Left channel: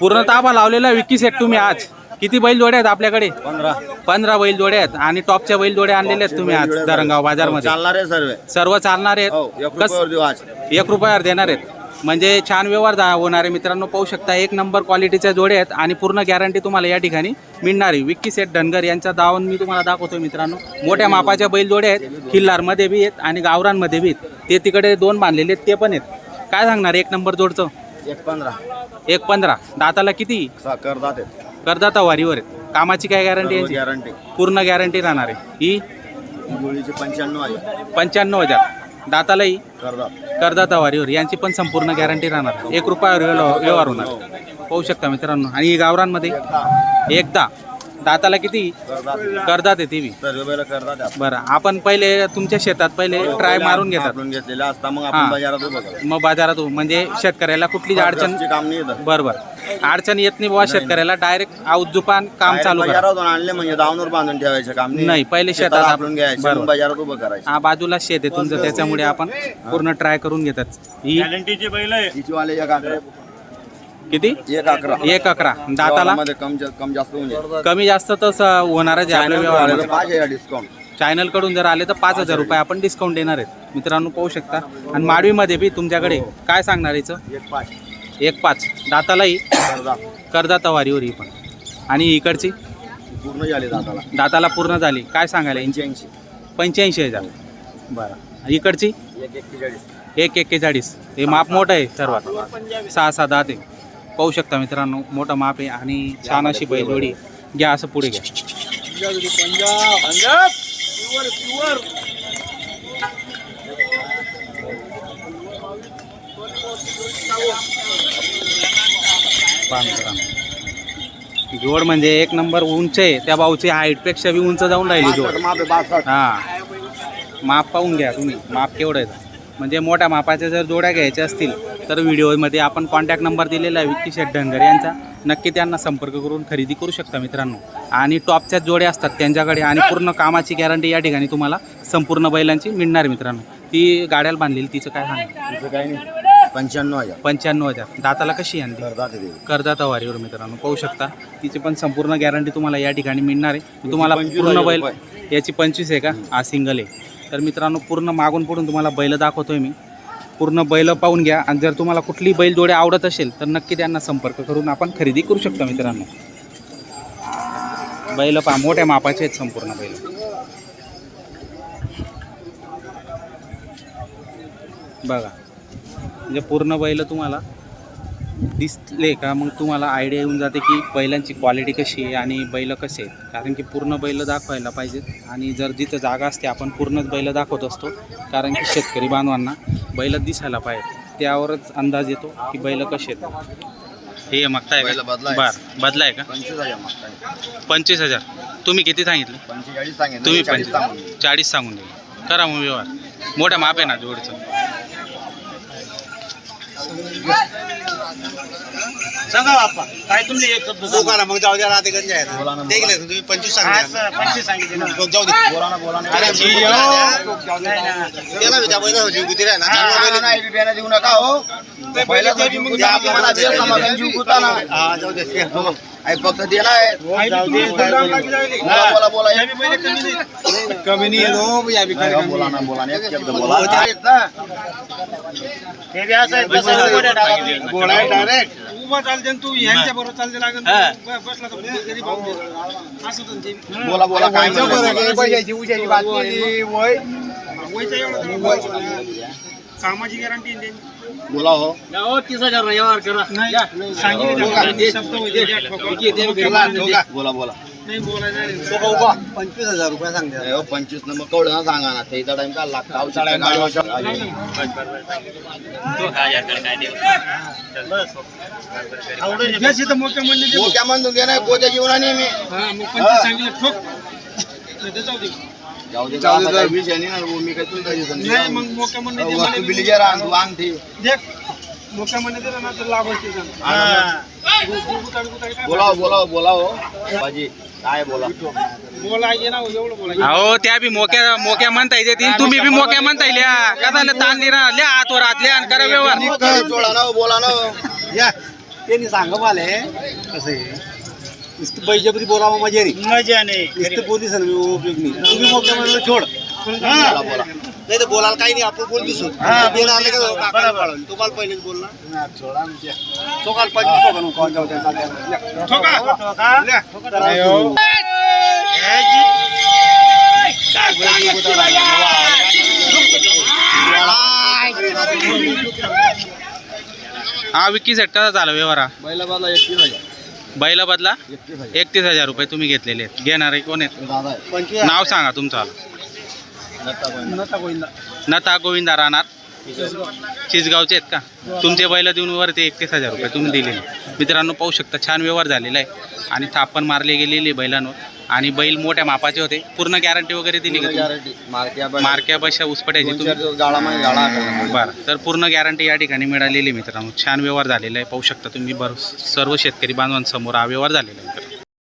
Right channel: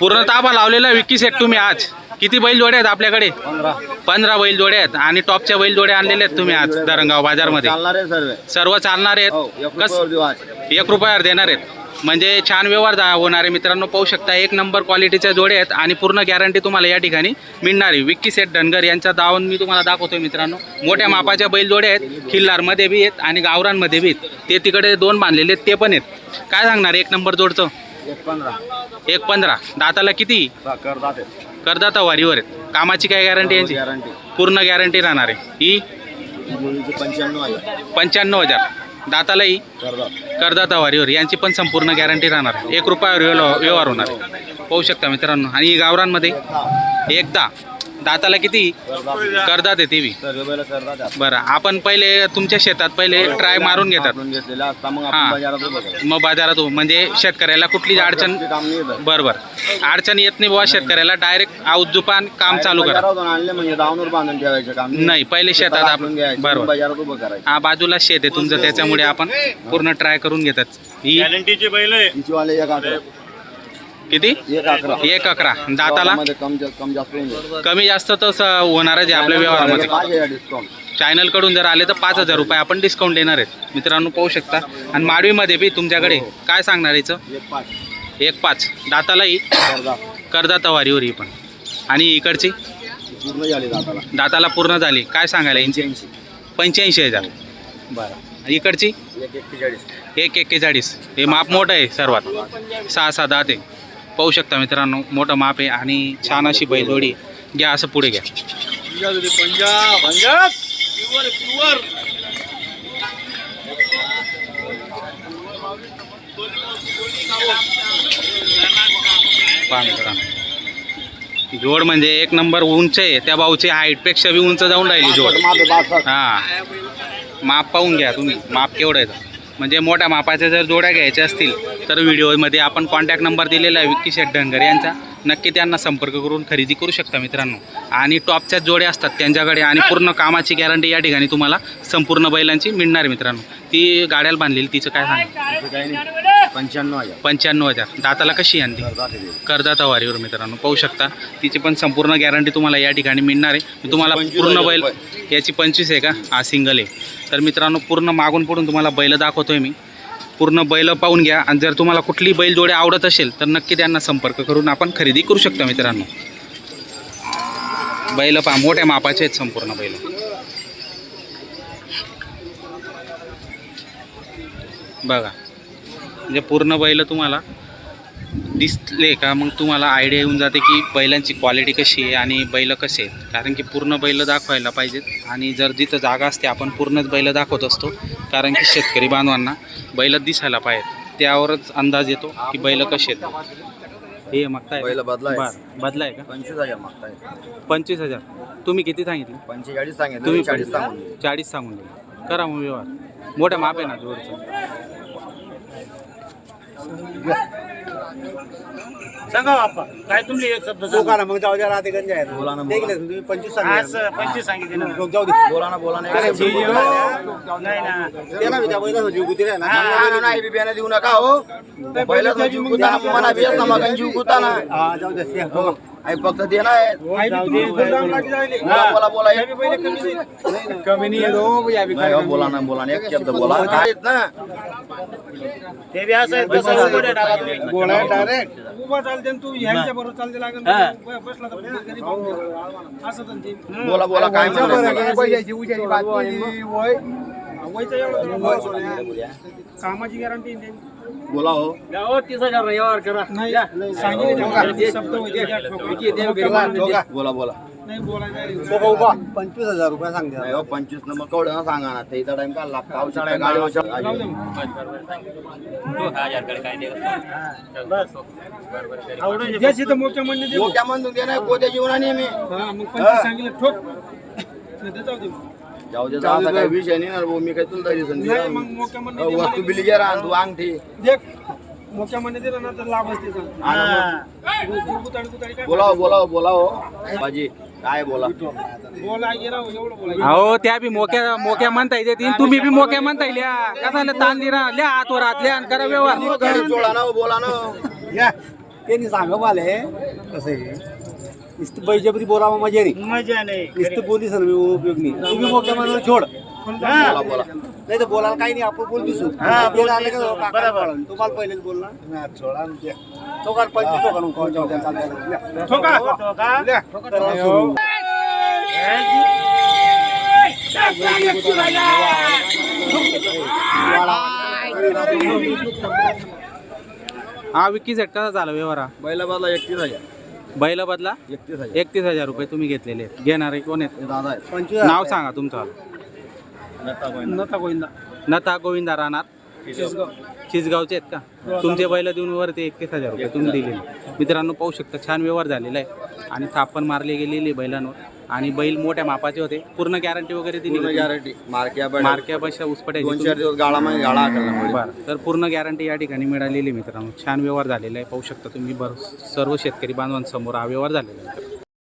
पूर्ण ताबा लावलेला विक्की सेट तुम्ही आज. किती बैल जोड्या आहेत आपल्याकडे? 15 बैल जोड्या आहेत. आणि टॉपच्या बैल जोड्या आणलेल्या आहेत तुम्ही आज धरणगाव बाजारमध्ये. सर्व चालणार आहेत. 1 रुपयावर देणार आहेत. म्हणजे छान व्यवहार होणारे मित्रांनो. पाहू शकता, 1 नंबर क्वालिटीच्या जोड्या आहेत आणि पूर्ण गॅरंटी तुम्हाला या ठिकाणी मिळणार आहे. विक्की सेट धनगर यांचा दावण मी तुम्हाला दाखवतोय मित्रांनो. मोठ्या मापाच्या बैल जोड्या आहेत. खिल्लारमध्ये बी आहेत आणि गावरांमध्ये बी आहेत. ते तिकडे 2 बांधलेले आहेत, ते पण आहेत. काय सांगणार 1 नंबर जोडचं? 1.15. दाताला किती? करदाता वारीवर आहेत. कामाची काय गॅरंटी यांची? पूर्ण गॅरंटी राहणार आहे. ही 95,000. दातालाही करदाता वारीवर. यांची पण संपूर्ण गॅरंटी राहणार आहे. 1 रुपयावर व्यवहार होणार आहे. पाहू शकता मित्रांनो. आणि गावरांमध्ये एकदा दाताला किती? करदात आहे ती बी. बरं, आपण पहिले तुमच्या शेतात पहिले ट्राय मारून घेतात. मग बाजारात म्हणजे शेतकऱ्याला कुठली अडचण बरोबर अडचण येत नाही बाबा. शेतकऱ्याला डायरेक्ट औजुपान काम चालू करा. नाही, पहिले शेतात आपण बरोबर. हा, बाजूला शेत आहे तुमचं, त्याच्यामुळे आपण पूर्ण ट्राय करून घेतात. ही किती? 1.11. दाताला कमी जास्त तर होणारच आहे आपल्या व्यवहारामध्ये. चॅनल कडून जर आले तर 5,000 रुपये आपण डिस्काउंट देणार आहेत मित्रांनो. पाहू शकता. आणि माडवीमध्ये बी तुमच्याकडे काय सांगणार याचं? 1.5. दातालाही करदाता वारीवर ही पण. आणि इकडची दाताला पूर्ण झाली. काय सांगायला? 85,000. बरं. इकडची 1.41. हे माप मोठं आहे सर्वात. 6 दात आहे. पाहू शकता मित्रांनो, मोठं माप आहे आणि छान अशी बैलजोडी. घ्या असं पुढे घ्या. पहा मित्रांनो, जोड म्हणजे 1 नंबर उंच आहे. त्या भाऊची हाईटपेक्षा बी उंच जाऊन राहिली जोड. हां, माप पाहून घ्या तुम्ही. माप केवढं आहे. म्हणजे मोठ्या मापाच्या जर जोड्या घ्यायच्या असतील तर व्हिडिओमध्ये आपण कॉन्टॅक्ट नंबर दिलेला आहे विक्की शेट धनगर यांचा. नक्की त्यांना संपर्क करून खरेदी करू शकता मित्रांनो. आणि टॉपच्या जोड्या असतात त्यांच्याकडे. आणि पूर्ण कामाची गॅरंटी या ठिकाणी तुम्हाला संपूर्ण बैलांची मिळणार मित्रांनो. ती गाड्याला बांधलेली, तिचं काय सांग? 95,000. दाताला कशी आणली? करदाता वारीवर मित्रांनो. पाहू शकता, तिची पण संपूर्ण गॅरंटी तुम्हाला या ठिकाणी मिळणार आहे. तुम्हाला पूर्ण बैल याची 25 आहे का? हा सिंगल आहे. तर मित्रांनो, पूर्ण मागून पुढून तुम्हाला बैल दाखवतोय मी. पूर्ण बैल पाहून घ्या. आणि जर तुम्हाला कुठली बैल जोडी आवडत असेल तर नक्की त्यांना संपर्क करून आपण खरेदी करू शकता मित्रांनो. बैल पहा, मोठ्या मापाचे आहेत संपूर्ण बैल. बघा, म्हणजे पूर्ण बैल तुम्हाला दिसले का मग तुम्हाला आयडिया येऊन जाते की बैलांची क्वालिटी कशी आहे आणि बैल कसे आहेत. कारण की पूर्ण बैल दाखवायला पाहिजेत. आणि जर जिथं जागा असते आपण पूर्णच बैल दाखवत असतो. कारण की शेतकरी बांधवांना बैल दिसायला पाहिजे, त्यावरच अंदाज येतो की बैल कसे आहेत. हे मागताय का? बरं, बदलाय का? 25,000. तुम्ही किती सांगितले? 45 सांगितले. तुम्ही 40 सांगून दिले. करा मग व्यवहार. मोठ्या माप आहे ना जोडचं. सांगा बाप्पा, काय तुम्ही एक शब्द सांगा. मग जाऊ द्या ना, ते गंज आहे. तुम्ही 25 सांगितले. 25 सांगितले ना. जाऊ दे. बोला ना. त्याला विचार पहिला जीव गुती रे ना. नाही बियाणं देऊ नका हो. पहिला जीव गुती मला दे समाधान जीव गुता ना. हां, जाऊ दे. हो. आई फक्त दे ना. बोला. कमी नाही येतो. या बी बोला ना. एक शब्द बोला. ते बी असं कसं गोड्या टाका. गोळा डायरेक्ट चालते तू ह्यांच्या बरोबर चालते लागेल. बसला तर घरी पाहून असं ते बोला काय कामाची गॅरंटी बोला हो. 30,000 व्यवहार करा. नाही बोला. नाही बोला. 25,000 रुपये सांगते. 25 नंबर कवडं ना सांगा ना. त्याचा टाइम का लागता. मोठ्या म्हणून घे नाही पोत्या जीवनाने मी सांगितलं ठोक. जाऊ दे. असा काही विषय नाही ना. मी काय तुला वस्तू बिली जे राह तू अंग ठेव. मोठ्या म्हणणे दिला ना तर लाभ असते. बोला हो. बाजी काय बोला. अहो त्या बी मोक्या मोक्या म्हणता येते तुम्ही बी मोक्या म्हणता लिहा का झालं ताण लिहा लिहा हातवर हात लिहा आणि करा व्यवहार जोडा ना बोला ना या त्यांनी सांगा मला कसं आहे नुसतं बैजापती बोलावं मजा नाही नुसतं बोली सर उपयोग नाही तुम्ही मोठ्या म्हणलं छोड बोला नाही तर बोलायला काही नाही आपण बोल दिसू बरोबर तुम्हाला पहिलेच बोलणार तो काल हा विक्की सेट कसा झाला व्यवहार हा? बैला बाला 31,000 बैला बदला 31,000 31,000 रुपये तुम्ही घेतलेले आहेत घेणारे कोण आहेत दादा आहे नाव सांगा तुमचं नता गोविंदा राहणार चिसगावचे आहेत का तुमचे बैल देऊन वरती 31,000 रुपये तुम्ही दिले मित्रांनो पाहू शकता छान व्यवहार झालेला आहे आणि थाप पण मारली गेलेली बैलांवर आणि बैल मोठ्या मापाचे होते पूर्ण गॅरंटी वगैरे दिली का तुम्ही? गॅरंटी मारक्या बशा उसपट्याची 2-4 दिवस गाळा मागे गाळा करणार बरं तर पूर्ण गॅरंटी या ठिकाणी मिळालेली मित्रांनो छान व्यवहार झालेला आहे पाहू शकता तुम्ही सर्व शेतकरी बांधवांसमोर हा व्यवहार झालेला आहे